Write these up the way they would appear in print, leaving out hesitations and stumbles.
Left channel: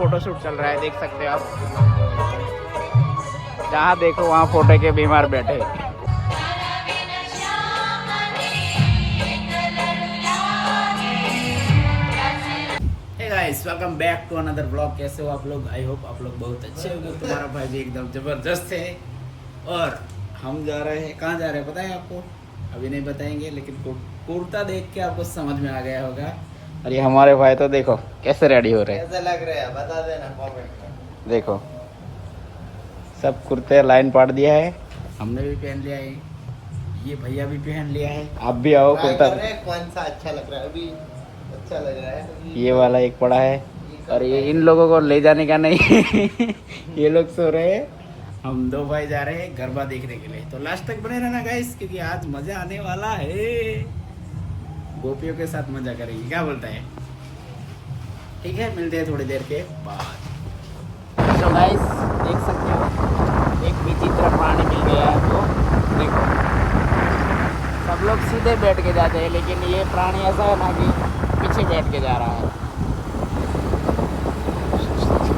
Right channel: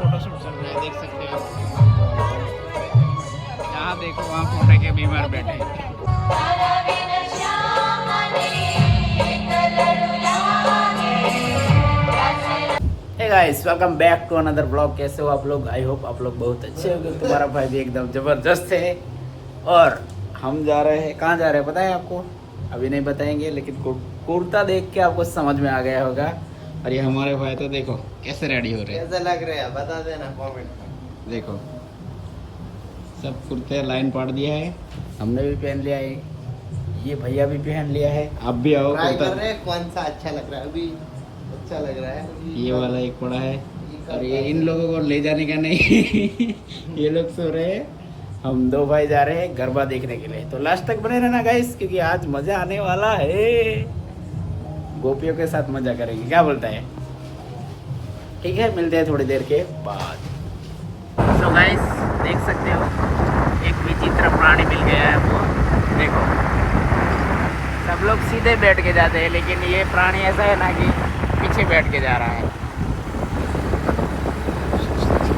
Photoshoot चल रहा है, देख सकते हो आप। जहाँ देखो वहाँ फोटो के बीमार बैठे। Hey guys, welcome back to another blog. कैसे हो आप लोग? आई होप आप लोग बहुत अच्छे हो। तुम्हारा भाई भी एकदम जबरदस्त है। और हम जा रहे हैं, कहाँ जा रहे हैं पता है आपको? अभी नहीं बताएंगे, लेकिन कुर्ता देख के आपको समझ में आ गया होगा। और ये हमारे भाई तो देखो कैसे रेडी हो रहे हैं, कैसे लग रहे हैं बता देना कमेंट में। देखो सब कुर्ते लाइन पाट दिया है, हमने भी पहन लिया है, ये भैया भी पहन लिया है। आप भी आओ कुर्ता। कौन सा अच्छा लग रहा है? अभी अच्छा लग रहा है ये वाला एक पड़ा है, और ये इन लोगों को ले जाने का नहीं ये लोग सो रहे हैं, हम दो भाई जा रहे हैं गरबा देखने के लिए। तो लास्ट तक बने रहना गाइस, क्योंकि आज मजा आने वाला है। गोपियों के साथ मजा करेंगे, क्या बोलता है? ठीक है, मिलते हैं थोड़ी देर के बाद। तो गाइस देख सकते हो एक विचित्र प्राणी मिल गया है हमको। देखो सब लोग सीधे बैठ के जाते हैं, लेकिन ये प्राणी ऐसा है ना कि पीछे बैठ के जा रहा है।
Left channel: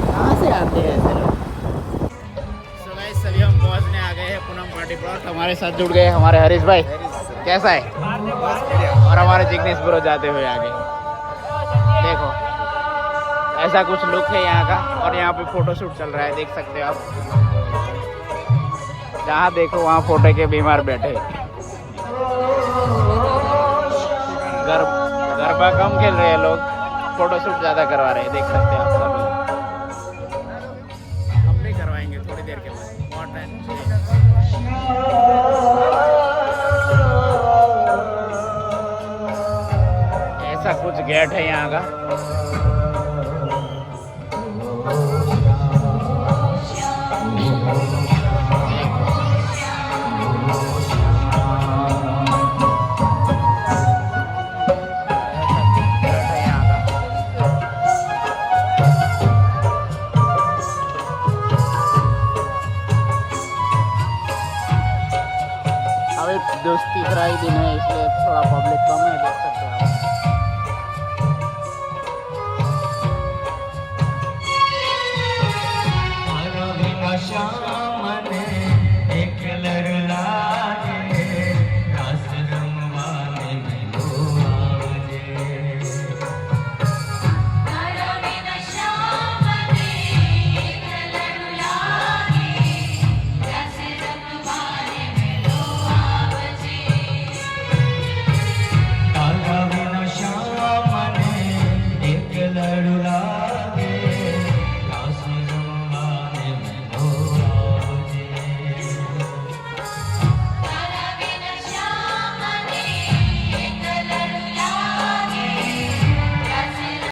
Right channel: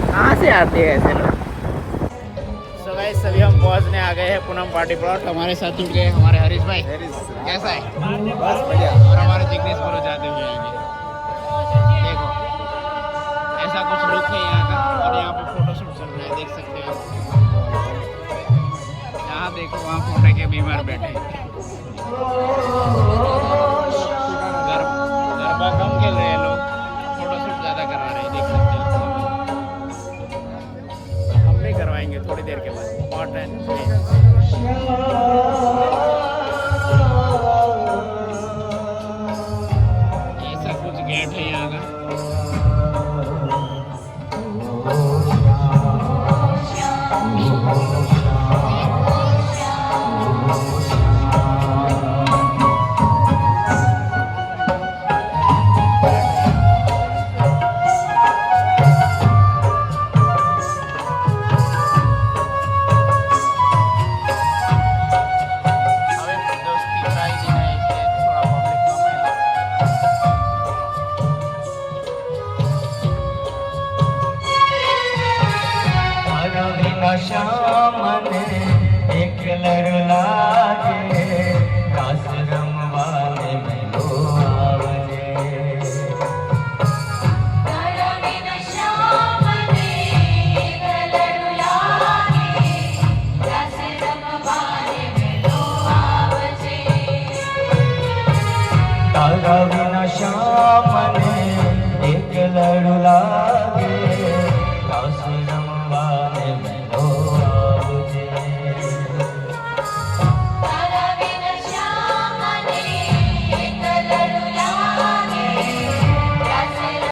कहाँ से आते हैं ऐसे लोग? तो गाइस सभी हम पहुँचने आ गए हैं पूनम पार्टी प्लॉट। हमारे साथ जुड़ गए हमारे हरीश भाई, कैसा है? और हमारे जिग्नेश ब्रो जाते हुए आगे। देखो ऐसा कुछ लुक है यहाँ का, और यहाँ पे फोटोशूट चल रहा है, देख सकते हो आप। जहाँ देखो वहाँ फोटो के बीमार बैठे। गरबा कम खेल रहे हैं लोग, फोटोशूट ज़्यादा करवा रहे हैं, देख सकते हैं आप सभी। हम भी करवाएंगे थोड़ी देर के बाद। बहुत टाइम ऐसा कुछ गेट है यहाँ का।